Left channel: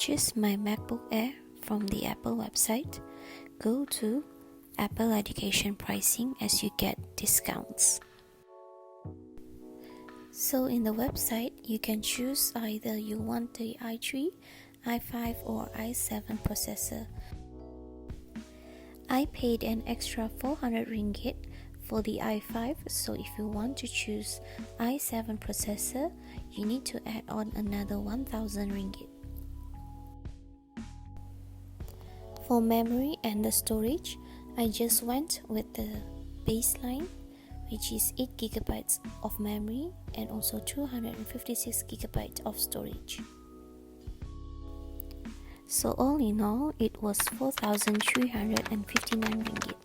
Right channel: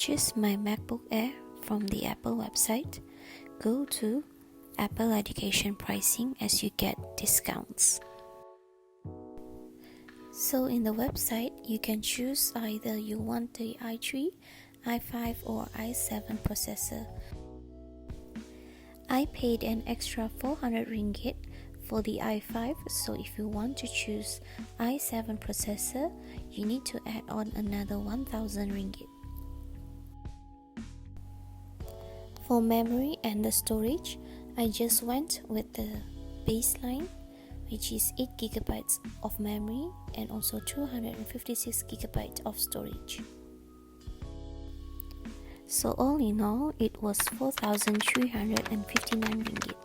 purchase my MacBook Air from the Apple website, go to Apple Education Pricing as you get discounts. So in the website, you can choose either you want the i3, i5 or i7 processor. I paid an extra 400 ringgit for the i5, so if you want to choose i7 processor, you need to add on another 1000 ringgit. For memory and the storage, I just went with the baseline, which is 8GB of memory and also 256GB of storage. So all in all, it was 4,359 ringgit.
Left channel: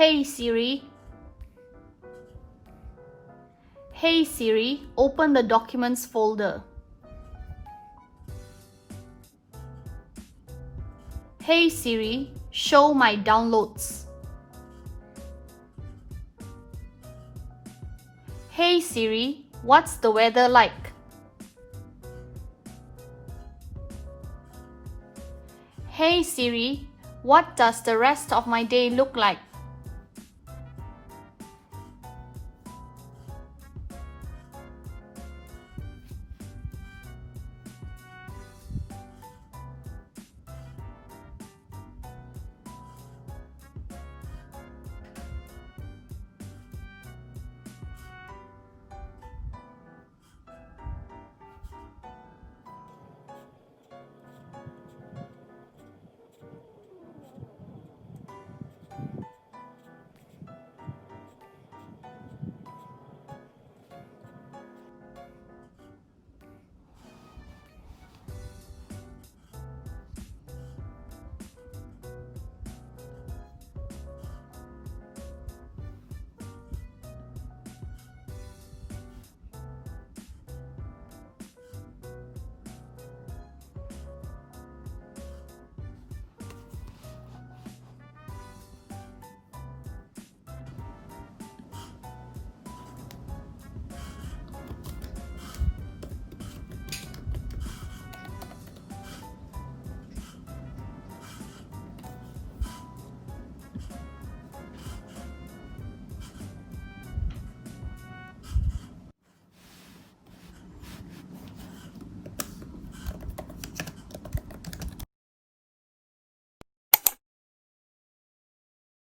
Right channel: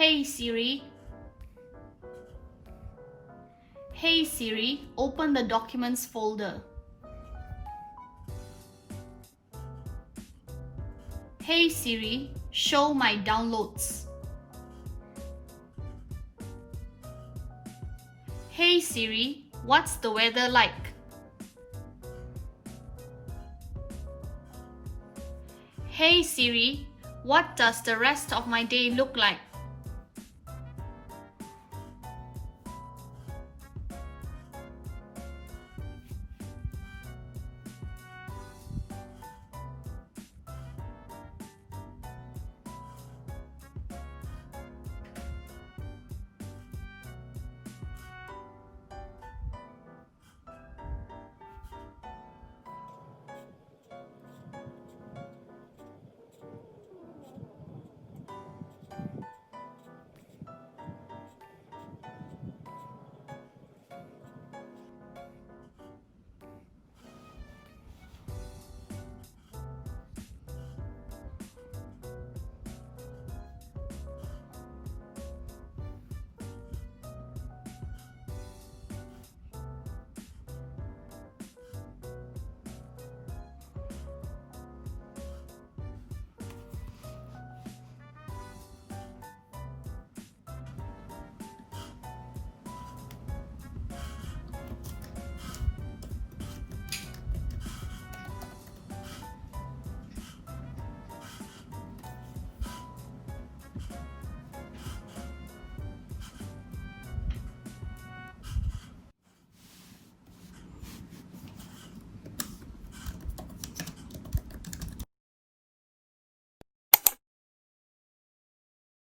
Hey Siri. Hey Siri, open the Documents folder. Hey Siri, show my downloads. Hey Siri, what's the weather like? Hey Siri, what does the rest of my day look like?